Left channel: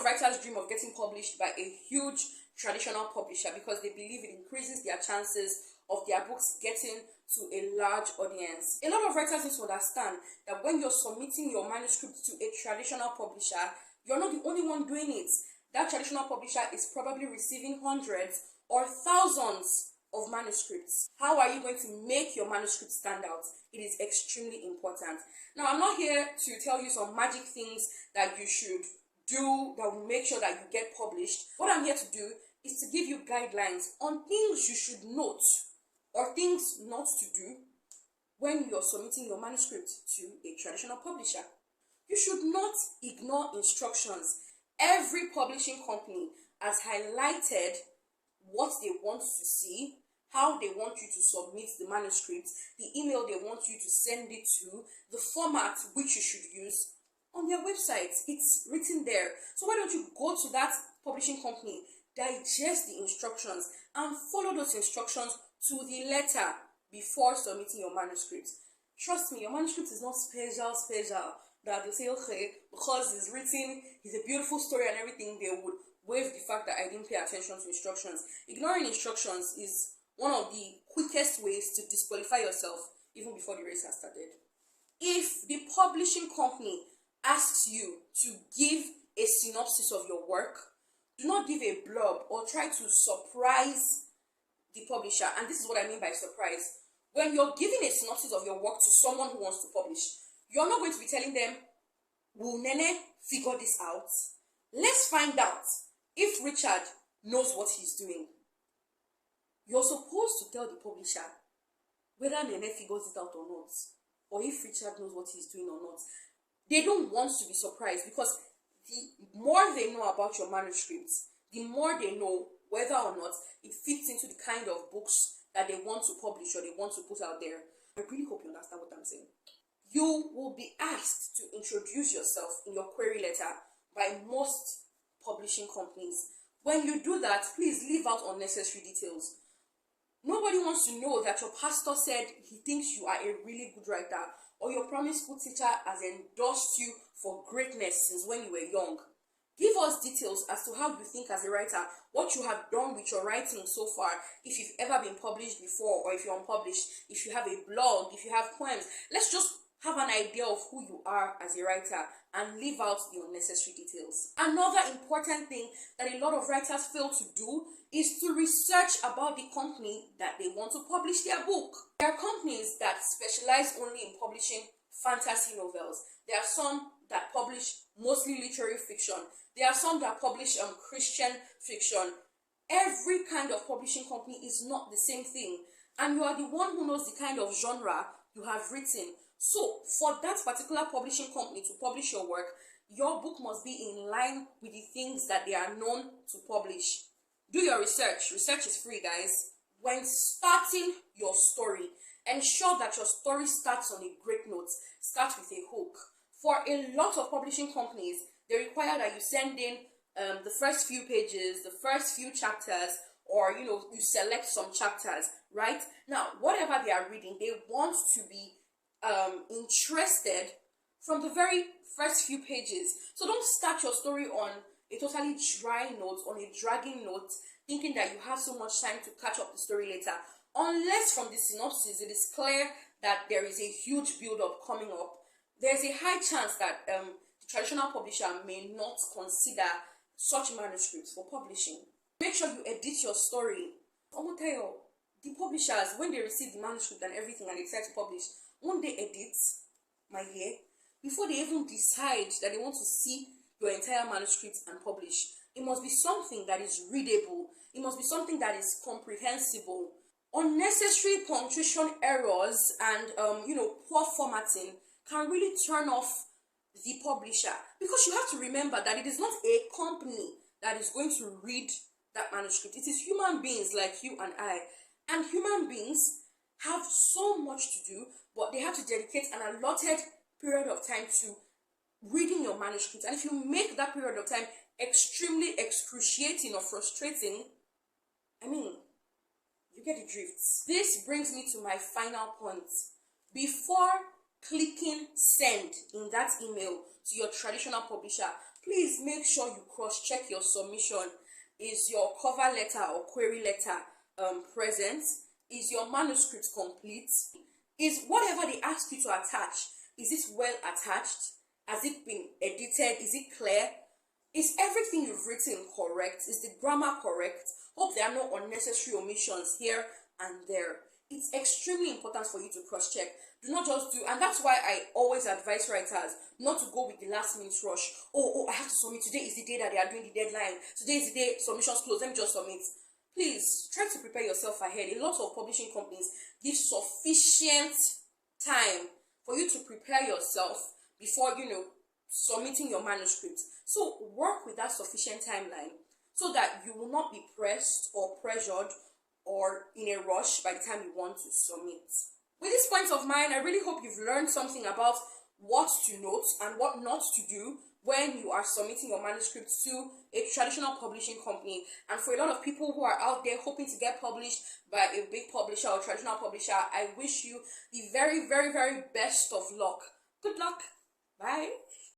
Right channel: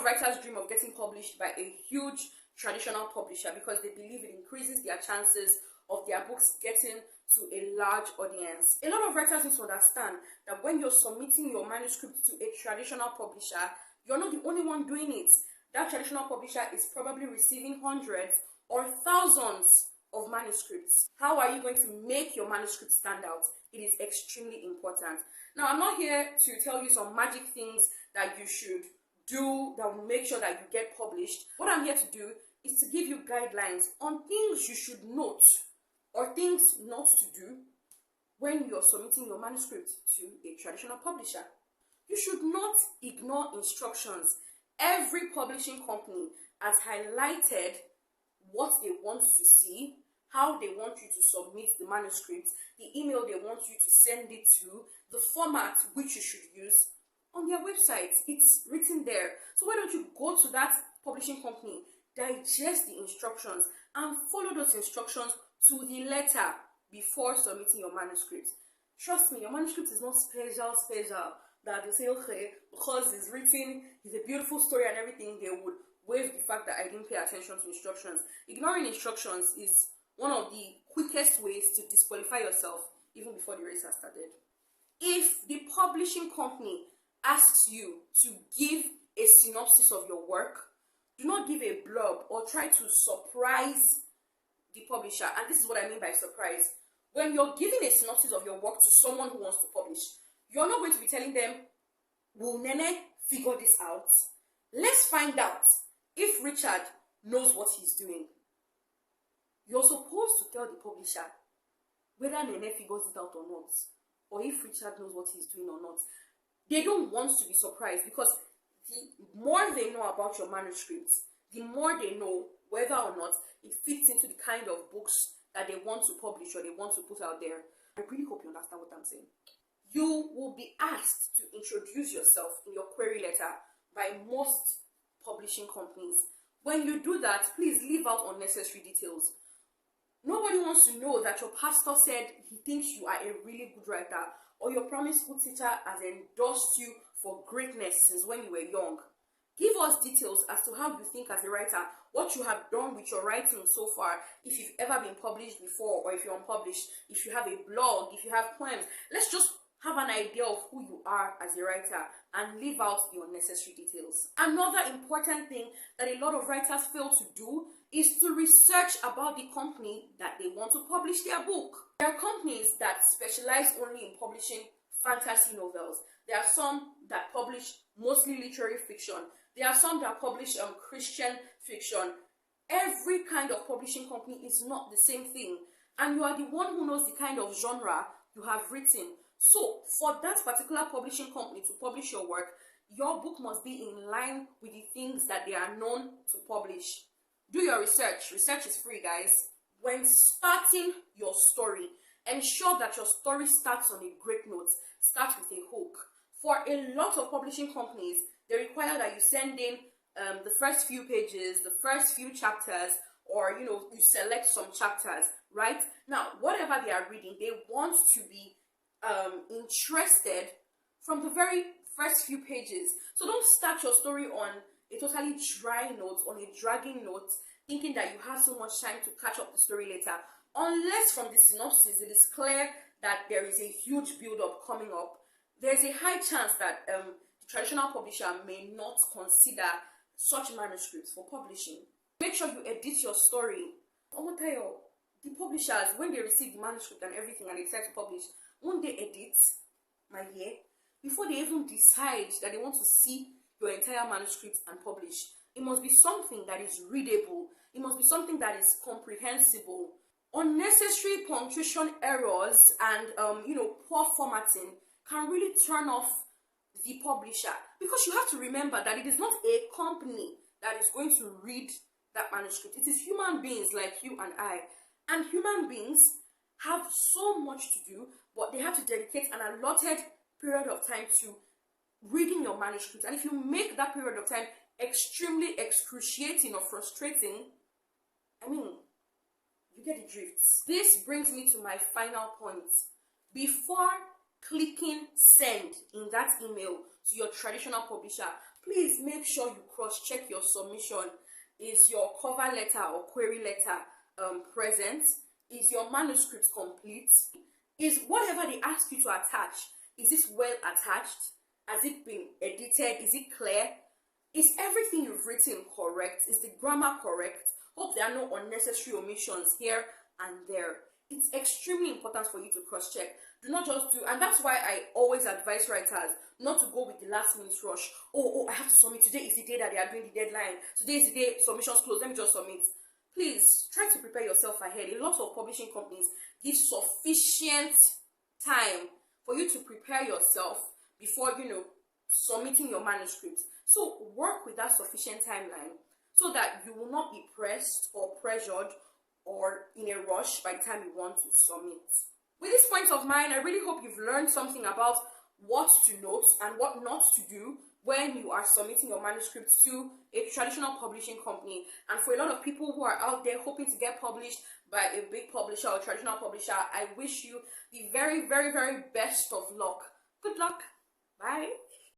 of writers dream of getting published by a huge traditional publisher because they believe it increases their chances of their books getting to a large audience. A lot of writers need to understand that when you're submitting your manuscript to a traditional publisher, you're not the only one doing it. That traditional publisher is probably receiving hundreds or thousands of manuscripts. How are you going to make your manuscript stand out? It is extremely important. Now, I'm not here to tell you some magic things that you should do that will make sure that you get published. What I'm here to do is to give you guidelines on things you should note or things not to do when you're submitting your manuscript to a traditional publisher. You should not ignore instructions. Every publishing company has highlighted what they want to see, how they want you to submit the manuscript, the email they want you to send it to, the format which you should use on their website. It's written there. So why don't you go to that publishing company, digest the instructions, and follow those instructions to the letter before submitting your manuscript. Trust me, your manuscript is not special that they say, okay, because it's written, it's a beautiful story and everything, they would waive the fact that I didn't pay attention to instructions. Ignoring instructions is one of the quickest ways to disqualify yourself even before the race has started. If the publishing company asks you to give a synopsis of your work, do not give a blurb or try to surprise the publisher. And this is what I mean by surprise. When you're giving a synopsis of your work to someone who wants to publish, you're not going to be telling them, will Nene figure this out? Let's find out if Richard knows what he's doing. You're supposed to tell the publisher whether Nene figures it out or not, or if Richard knows what he's doing or not. They don't want to be surprised because the more they know about your manuscripts, the more they know whether or not it fits into the kind of books that they want to publish or they want to put out there. I really hope you understand what I'm saying. You will be asked to introduce yourself in your query letter by most publishing companies. When you do that, please leave out unnecessary details. Nobody wants to know that your pastor said he thinks you are a really good writer, or your primary school teacher has endorsed you for greatness since when you were young. Give us details as to how you think as a writer, what you have done with your writing so far, if you've ever been published before or if you're unpublished, if you have a blog, if you have poems. Let's just have an idea of who you are as a writer and leave out the unnecessary details. Another important thing that a lot of writers fail to do is to research about the company that they want to publish their book. There are companies that specialize only in publishing fantasy novels. There are some that publish mostly literary fiction. There are some that publish Christian fiction. Every kind of publishing company is not the same thing, and you are the one who knows the kind of genre you have written. So for that particular publishing company to publish your work, your book must be in line with the things that they are known to publish. Do your research. Research is free, guys. When starting your story, ensure that your story starts on a great note. Start with a hook. For a lot of publishing companies, they require that you send in the first few pages, the first few chapters, or you select some chapters, right? Now, whatever they are reading, they want to be interested from the very first few pages. So don't start your story on a totally dry note, on a dragging note, thinking that you have so much time to catch up the story later. Unless from the synopsis it is clear that there is a huge build-up coming up, there's a high chance that the traditional publisher may not consider such manuscripts for publishing. Make sure you edit your story. Omotayo, the publishers, when they receive the manuscript and everything and they decide to publish, won't they edit, my dear, before they even decide that they want to see your entire manuscript and publish? It must be something that is readable. It must be something that is comprehensible. Unnecessary punctuation errors and poor formatting can really turn off the publisher, because you have to remember that it is not a company that is going to read that manuscript. It is human beings like you and I, and human beings have so much to do, but they have to dedicate an allotted period of time to reading your manuscript. And if you make that period of time extremely excruciating or frustrating, you get the drift. This brings me to my final point. Before clicking send in that email to your traditional publisher, please make sure you cross-check your submission. Is your cover letter or query letter present? Is your manuscript complete? Is whatever they ask you to attach, is it well attached? Has it been edited? Is it clear? Is everything you've written correct? Is the grammar correct? Hope there are no unnecessary omissions here and there. It's extremely important for you to cross-check. Do not just do, and that's why I always advise writers not to go with the last minute rush. Oh, I have to submit. Today is the day that they are doing the deadline. Today is the day submissions close. Let me just submit. Please try to prepare yourself ahead. A lot of publishing companies give sufficient time for you to prepare yourself before, submitting your manuscript. So work with that sufficient timeline so that you will not be pressed or pressured or in a rush by the time you want to submit. With this point of mine, I really hope you've learned something about what to note and what not to do when you are submitting your manuscript to a traditional publishing company. And for a lot of people who are out there hoping to get published by a big publisher or traditional publisher, I wish you the very, very, very best of luck. Good luck. Bye.